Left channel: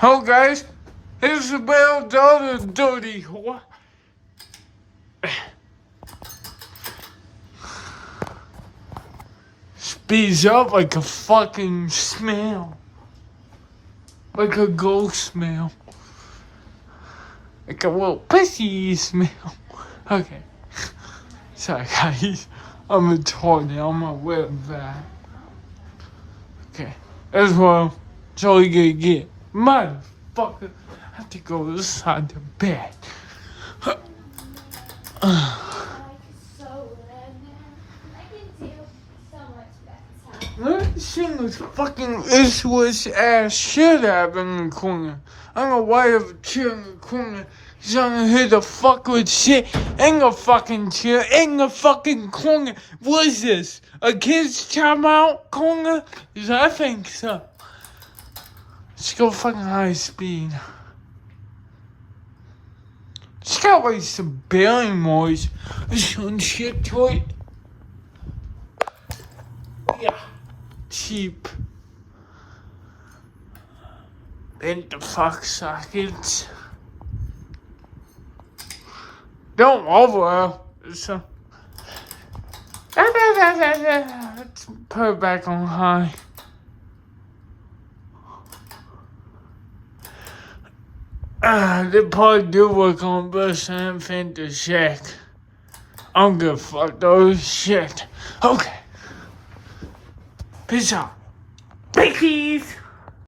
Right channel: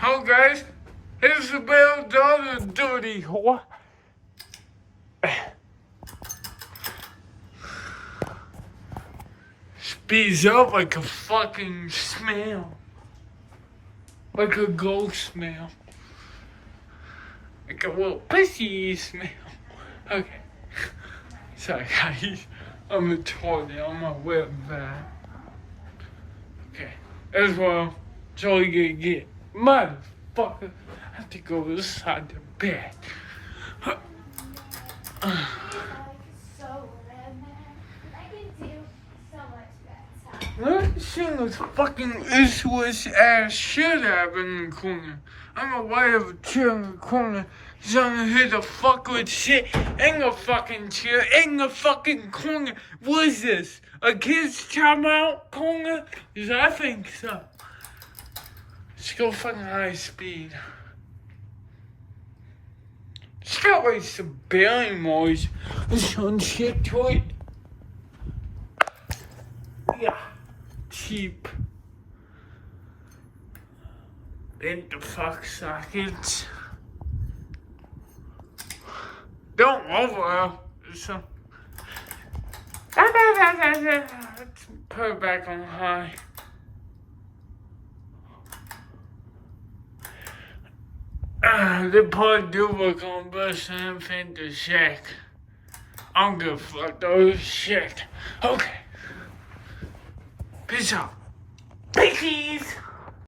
Hello guys, here's the bell daughter dirty whore. Speeds up like a fucking smell. Like a ghost smell. Like a little pissy smell. Okay. Sorry guys. I'm retarded. I'm gonna wear that. Okay. As well. That's all you gonna get. Motherfucker. I have to go inside the bed. Let me sing this fucking issueless ass shit out in the corner. I don't know why I have a chair in the corner. Cause I'm gonna hit the fuck with shit in the fucking chair in the fucking corner. What is this? A kid's timeout corner? Cause I think so. Let's go fucking high speed. It's got like some bearing noise or some shit to it. Yeah. Cheap. Bent the fuck sockets. Don't over. So. Let's put it back on high. They probably do work on bus and fin to check. I'm gonna fuck those shit. Okay. Peace out. Biggies!